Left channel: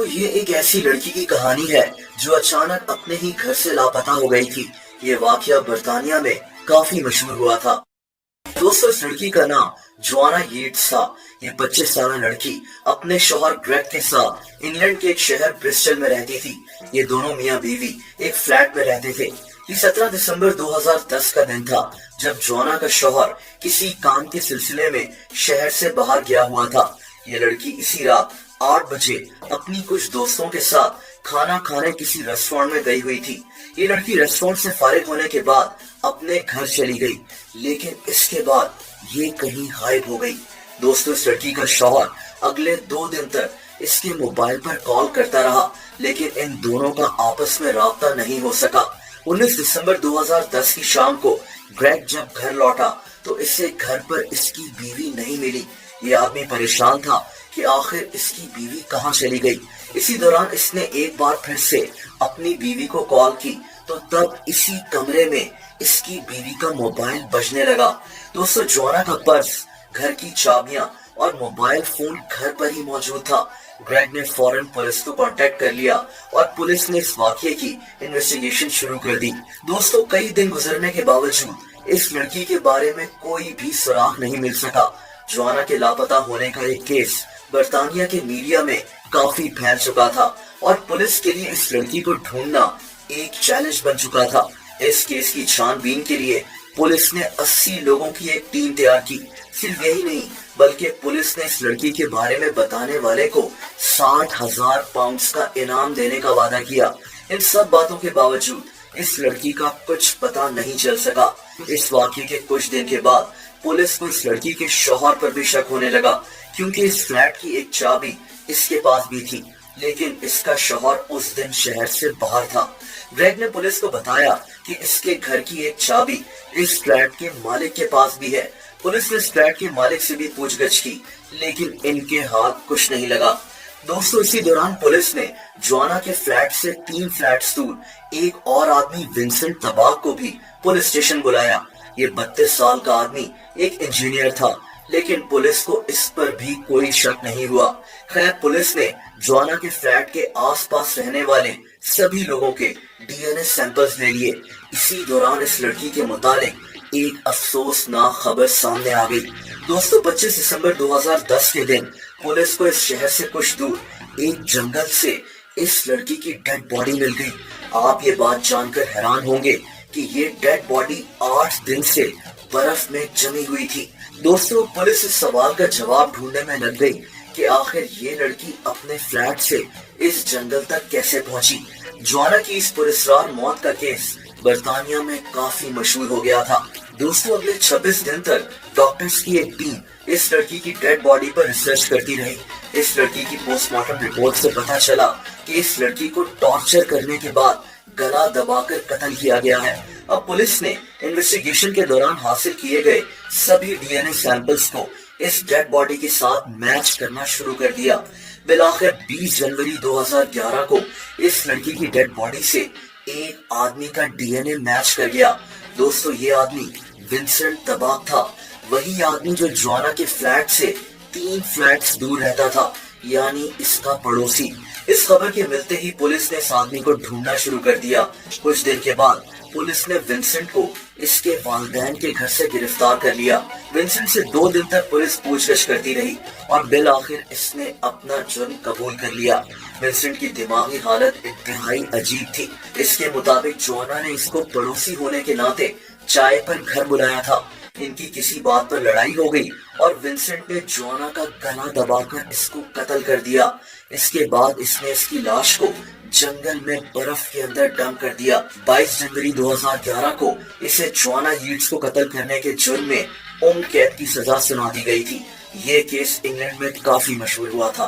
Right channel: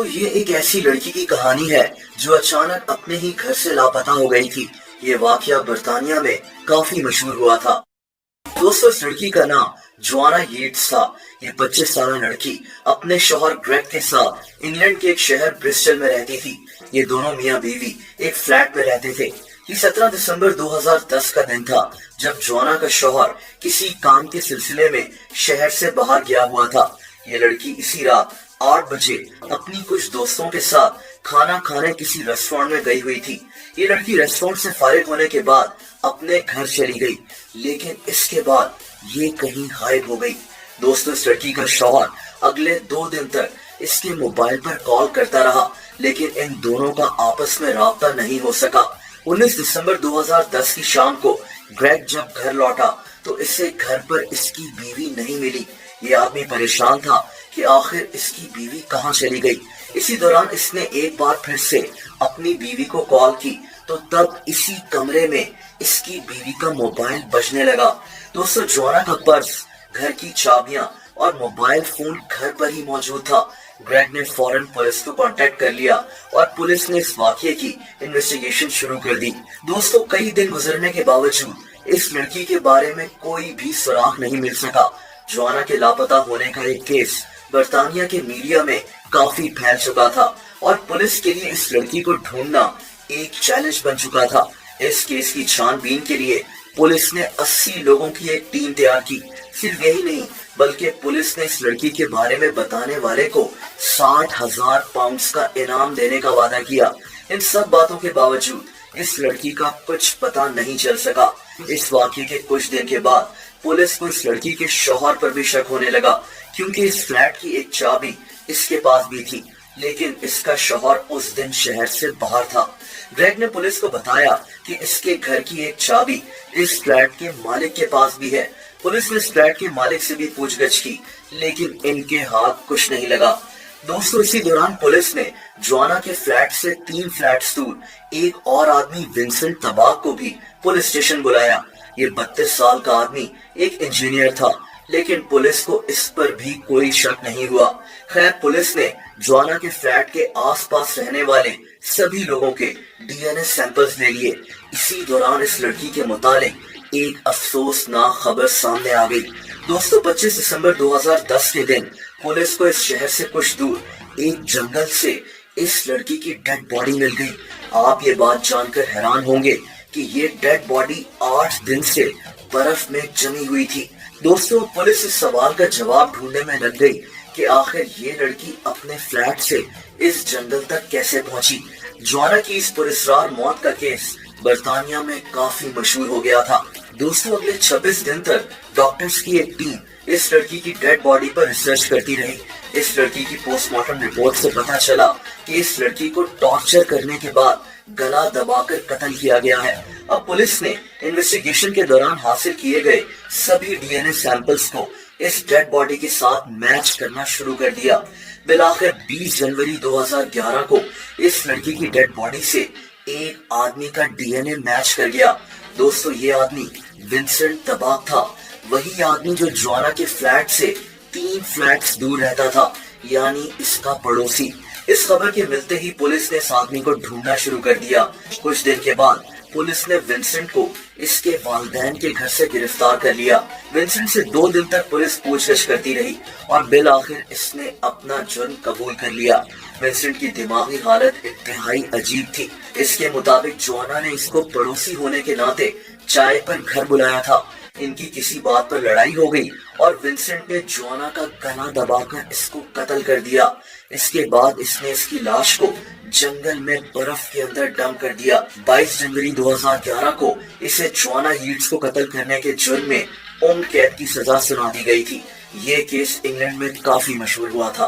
दोस्तों ये एक ऐसी लड़की की कहानी है जो अचानक अपने ही घर से लापता हो गई थी। ये वाकया बर्तानिया में काफी मशहूर हुआ था। दोस्तों इस लड़की का नाम जोआना येट्स था। ये 25 साल लड़की अपने शौहर ग्रेग के साथ इंग्लैंड के एक शहर ब्रिस्टल में रहती थी। ये दोनों मियाँ बीवी एक फ्लैट में रहते थे। ये 17 दिसंबर 2010 का दिन था जब जोआना का शौहर किसी काम के सिलसिले में शहर से बाहर गया हुआ था। ये लड़की इसी रात 8 बजे अपनी कुछ दोस्तों के साथ खाना खाने किसी रेस्टोरेंट में गई हुई थी। ये लड़की रेस्टोरेंट से फारिग होने के बाद अपने घर चली गई, लेकिन इसके बाद ये कहीं गायब हो गई। दोस्तों इस लड़की का शौहर अगले 2 दिन तक इसके मोबाइल पर कॉल करता रहा, लेकिन इन दोनों का आपस में राब्ता नहीं हो सका। 19 दिसंबर 2010 की शाम को ग्रेग जब घर लौटा तो इसे घर पर इसकी बीवी नहीं मिली। ये आदमी परेशान था कि आखिर इसकी बीवी कहाँ चली गई। इसी दौरान इसने एक बार फिर से अपनी बीवी को कॉल की तो तब इसी कमरे में इसकी बीवी का मोबाइल बजने लगा। दोस्तों जोआना का पर्स, घर की चाबियां और मोबाइल फोन घर पर ही मौजूद था। ग्रेग ने फौरन पुलिस को कांटेक्ट कर लिया और पुलिस ने इस वाकये की इन्वेस्टिगेशन शुरू कर दी। दोस्तों कई दिन गुजरने के बावजूद इस लड़की के बारे में कोई भी सुराग नहीं मिल सका। जोआना के लापता होने का एक केस बर्तानिया के मीडिया में काफी फैल चुका था और पुलिस के लिए इस लड़की को ढूंढना एक चैलेंज बन चुका था। इस केस की छानबीन के लिए पुलिस ने 80 लोगों की एक टीम तैयार की। सिर्फ यही नहीं बल्कि पुलिस ने इस लड़की के बारे में बताने वाले को 60,000 पाउंड का इनाम देने का वादा किया। इन सब बातों के बावजूद इस लड़की का कुछ पता नहीं चल सका। इस वाकये के कुछ दिन के बाद पुलिस को इस लड़की के शौहर पर भी शक होने लगा, क्योंकि इस फ्लैट की एक चाबी इसके पास भी थी, लेकिन इसका शौहर उस दिन शहर से बाहर था। ग्रेग ने पुलिस को बताया कि इसके घर की एक चाबी इस फ्लैट के मालिक के पास भी है। पुलिस ने इस फ्लैट के मालिक से भी पूछगछ की, लेकिन इनके हाथ कुछ नहीं लगा। दोस्तों इसी दौरान पुलिस ने जोआना के फ्लैट से 3 फ्लैट्स दूर एक और आदमी विंसेंट तबाक को भी पुलिस स्टेशन बुलाया। ये 32 साल का आदमी एक इंजीनियर था, लेकिन पुलिस को इस पर भी कोई शक नहीं हुआ। खैर पुलिस ने जोआना के फ्लैट के आसपास रहने वाले सभी लोगों के डीएनए सैंपल्स ले लिए। इसी दौरान इस लड़की के मुतालिक एक अफसोसनाक खबर सामने आ गई। दोस्तों 25 दिसंबर 2010 के दिन पुलिस को इस शहर से कुछ दूर एक जंगल से इस लड़की की डेड बॉडी मिल गई। आप ये बात जानकर हैरान होंगे कि ये डेड बॉडी 8 दिन से बर्फ में जमी हुई थी। दोस्तों पुलिस इस सवाल का जवाब ढूंढने में लग गई कि आखिर ये लड़की अपने फ्लैट से इस जंगल तक कैसे पहुंची। जोआना की इस पुरस्कार मौत का केस बर्तानिया में काफी मशहूर हो गया था। दोस्तों अगले 26 दिन तक डॉक्टर्स की एक टीम इस लड़की की डेड बॉडी पर रिसर्च करती रही। इस लड़की की पोस्टमार्टम रिपोर्ट से पता चला कि इस लड़की को टॉर्चर करने के बाद गला दबाकर कत्ल किया गया है। अब पुलिस ने इन्वेस्टिगेशन के दौरान हासिल किए गए सभी डीएनए सैंपल्स को इस डेड बॉडी के साथ मैच करना शुरू कर दिया। बिलाखिर 20 जनवरी 2011 को इस लड़की की डेड बॉडी से एक आदमी का डीएनए मैच कर गया। दोस्तों ये आदमी विंसेंट तबाक था, वही आदमी जो जोआना के फ्लैट से 3 फ्लैट्स दूर रहता था, यानी इसका पड़ोसी। इस खबर के मिलते ही पुलिस ने इस आदमी को ढूंढना शुरू कर दिया। कुछ दिन के बाद पुलिस ने विंसेंट को इसके वालिदैन के घर से गिरफ्तार कर लिया। विंसेंट से 2 दिन तक पुलिस पूछगछ करती रही और बिल आखिर इसने अपना जुर्म कबूल कर लिया। विंसेंट की दिमागी हालत इंतहाई अजीब थी। इसके मुताबिक जोआना ने इसको पड़ोसी होने के नाते चाय पर घर बुलाया था। इनकी किसी बात पर लड़ाई हो गई और विंसेंट ने जोआना का गला दबाकर इसको कत्ल कर दिया। इसके बाद इसने इसकी लाश को जंगल में बर्फ के अंदर डंप कर दिया। 22 जनवरी 2011 को इसे जोआना येट्स को कत्ल करने के जुर्म में उम्र कैद की सजा सुना दी गई थी। ये केस इंग्लैंड में काफी मशहूर हुआ था।